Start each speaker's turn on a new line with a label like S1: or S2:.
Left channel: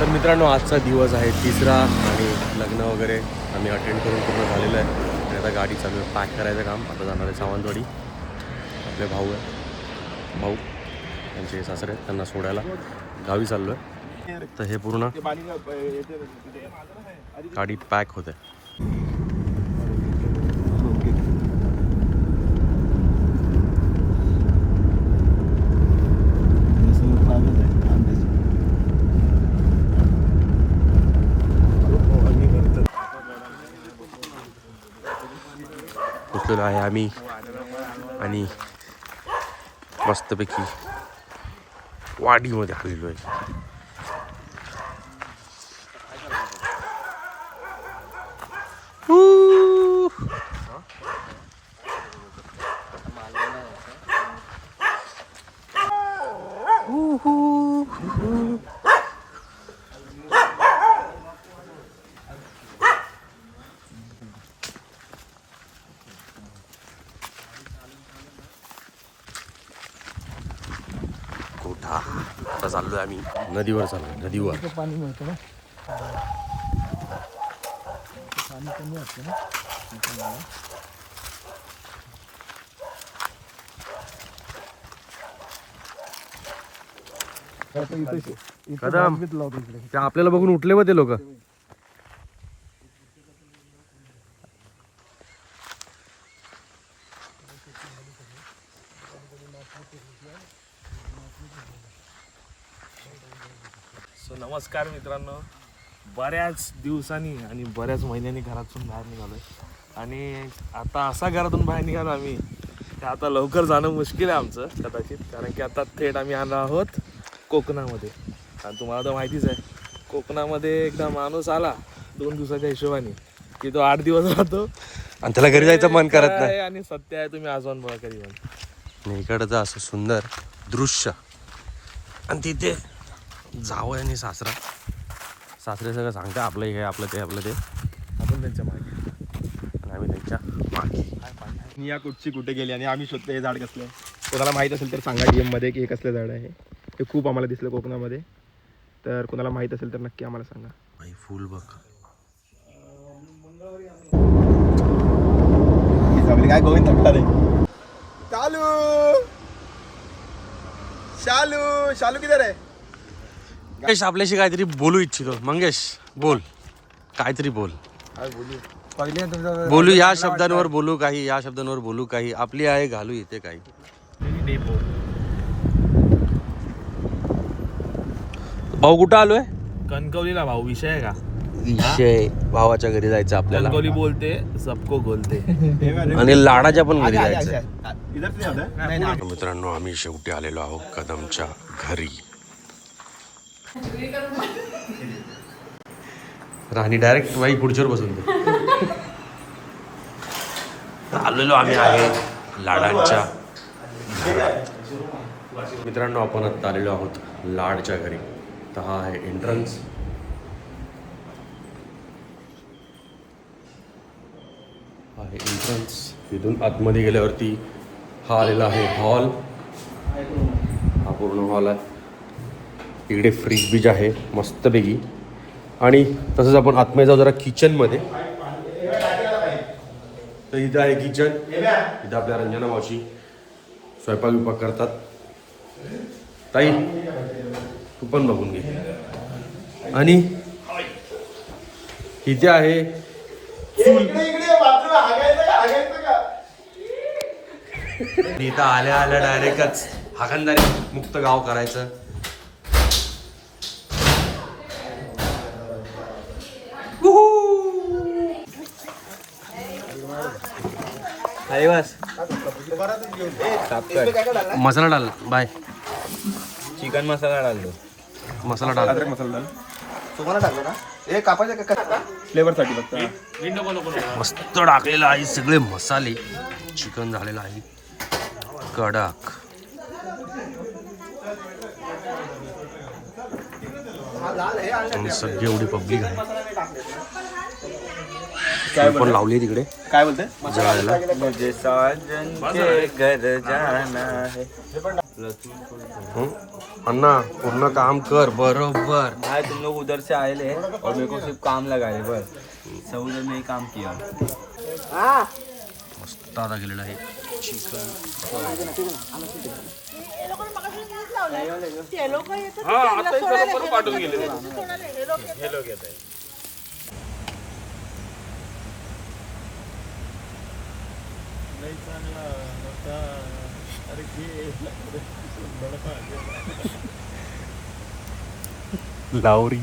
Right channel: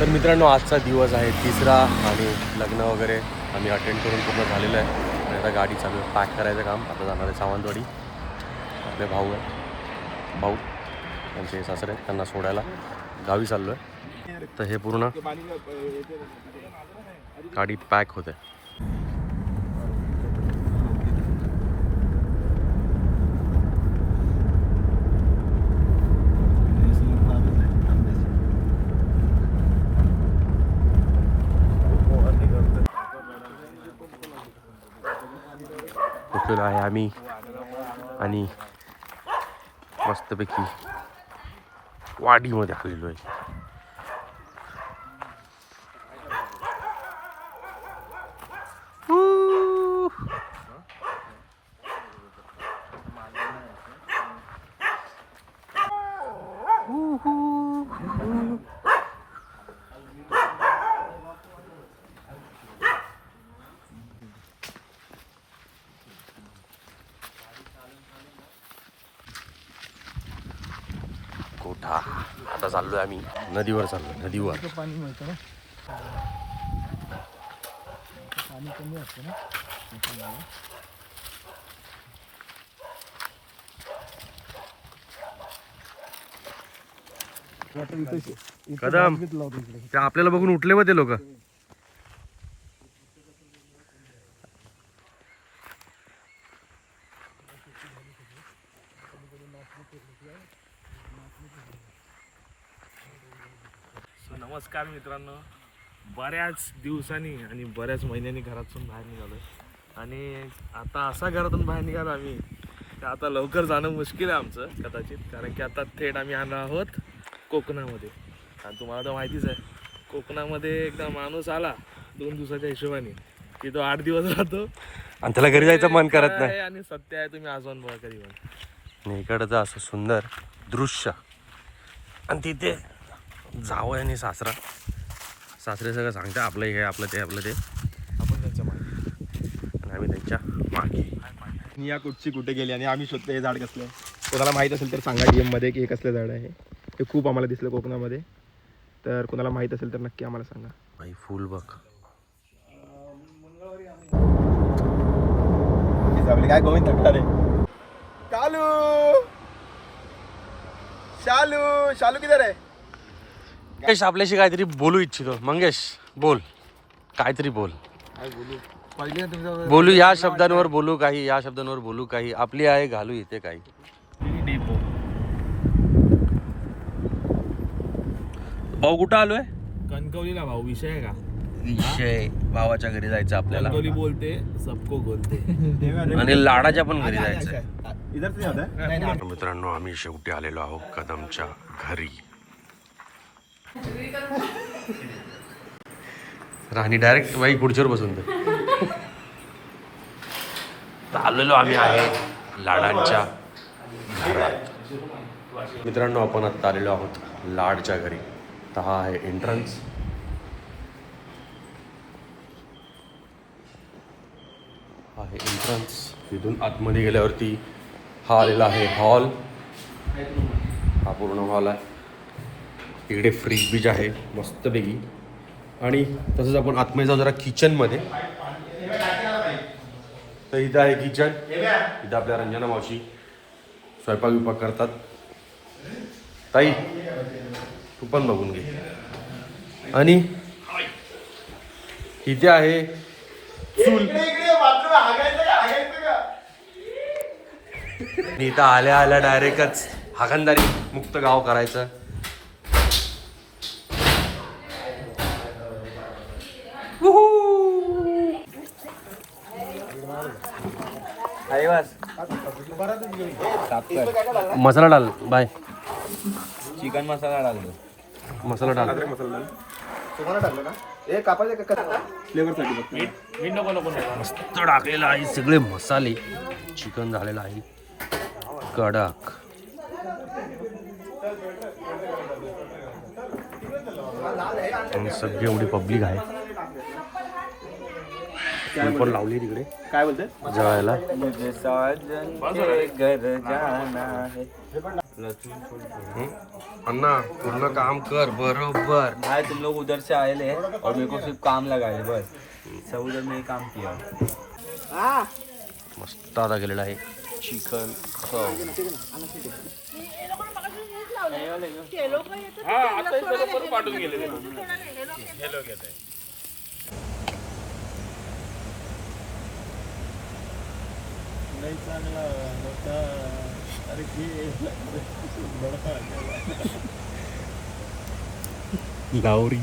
S1: तर मित्रांनो आजचा दिवस आहे तिसरा आणि लग्न वगैरे आम्ही अटेंड करून पूर्ण झालेलं आहे. आणि आता गाडी चालू आहे. पॅक करायचं काम. आता जाणार आहे सावंतवाडी. आपले भाऊ आहे भाऊ त्यांचे सासरे आहेत. त्यांना सोडायला गावी चाललो आहे तर हे पूर्ण गाडी पॅक होते बसलेलो आहे आम्ही आणि मस्तपैकी वाडीमध्ये आलेलो आहे Woo! Woo-hoo. कोठा आता चाललोय आम्ही नदीवर चाललोय नदीवर
S2: पाणी मिळतं ना पाणी कमी असतं ना त्याच्यामुळे. आता इथं शे- इथं
S1: कदम.
S2: बादलीत लावतो इकडे.
S1: ते आपल्याला बघून उठले व ते लोक
S3: सो नमस्कार मित्रांनो. बऱ्याच दिवसांनी आणि बऱ्याच महिन्यांनी घरातून बाहेर निघालो आणि आता असा घरातून बाहेर निघालो आम्ही की आता लवकर जाणं मुश्किल आहे आमचं कदाचित कारण की आता थेट आम्ही आलो आहोत कोकणामध्ये. आणि तुम्हाला तर माहितीच आहे कोकणामध्ये एकदा माणूस आला दोन दिवसाच्या हिशोबाने की तो आठ दिवस राहतो.
S1: आणि त्याला घरी जायचं मन करत नाही.
S3: आणि सत्य आहे तुम्ही आजवून बघा कधी पण.
S1: इकडचं असं सुंदर दृश्य. आणि तिथे जावं आणि सासरा. सासरे सगळं सांगते आपलं हे आपलं ते आपलं ते. आणि आम्ही त्यांच्या मागे.
S4: या कुठची कुठे गेली आणि आम्ही शोधतो हे झाड कसलं. कोणाला माहीत असेल तर सांगा डी मध्ये की हे कसलं झाड आहे. हे खूप आम्हाला दिसलं कोकणामध्ये. तर कोणाला माहीत असेल तर नक्की आम्हाला सांगा.
S1: भाई फुल बघ.
S4: काय गोविंद रे शालू! शालू! शालू किधर आहे?
S1: मंगेश आपल्याशी काहीतरी बोलू इच्छितो. मंगेश बोल. काहीतरी बोल.
S2: पहिले तुमचं
S1: बोलू या शब्दांवर बोलू काही या शब्दांवर बोलू काही. आपली आहे घालू इथे काही. भाऊ कुठं आलोय?
S3: कणकवलीला भाऊ विषय आहे का?
S1: विषय. भावाच्या घरी जायचं आपल्याला.
S3: कणकवली बोलते सबको बोलते
S1: आणि लाडाच्या पण घरी जायचं? मित्रांनो आम्ही शेवटी आलेलो आहोत कदमच्या घरी. राणी डायरेक्ट बाई पुढच्यावर बसून दे. आलेलो आम्ही आहे लाडांच्या घरात. मित्रांनो आपण आत्ता आलेलो आहोत लाडच्या घरी. तर हा आहे एंट्रन्स हा आहे एंट्रन्स तिथून आतमध्ये गेल्यावरती हा आलेला आहे हॉल हा पूर्ण हॉल आहे. इकडे फ्रीज बीज आहे मस्तपैकी. आणि तसंच आपण आतमध्ये जाऊ जरा किचनमध्ये तर इथं आहे किचन इथं आपल्या रंजना मावशी स्वयंपाक विपाक करतात. ताई तू पण बघून घे. आणि इथे आहे चूल. इथं आल्या आल्या डायरेक्टच हागंदारी मुक्त गाव करायचं. मसाला डाल बाय।
S3: चिकन मसाला डालतो
S1: मसाला डाल।
S4: मसाला डाल. हे फक्त.
S1: मस्त टाकलेलं आहे सगळे मसाले. चिकन झालेलं आहे. कडक. आणि सगळी एवढी पब्लिक आहे. चूल पण लावली तिकडे.
S4: काय बोलते?
S1: जळायला? अण्णा पूर्ण काम कर. बरोबर.
S2: भाई तुम लोग उधर से आए ले और मेरे को सिर्फ काम लगाए बस. सब उधर में ही काम किया.
S1: मस्त आता गेलेला आहे. लावरी.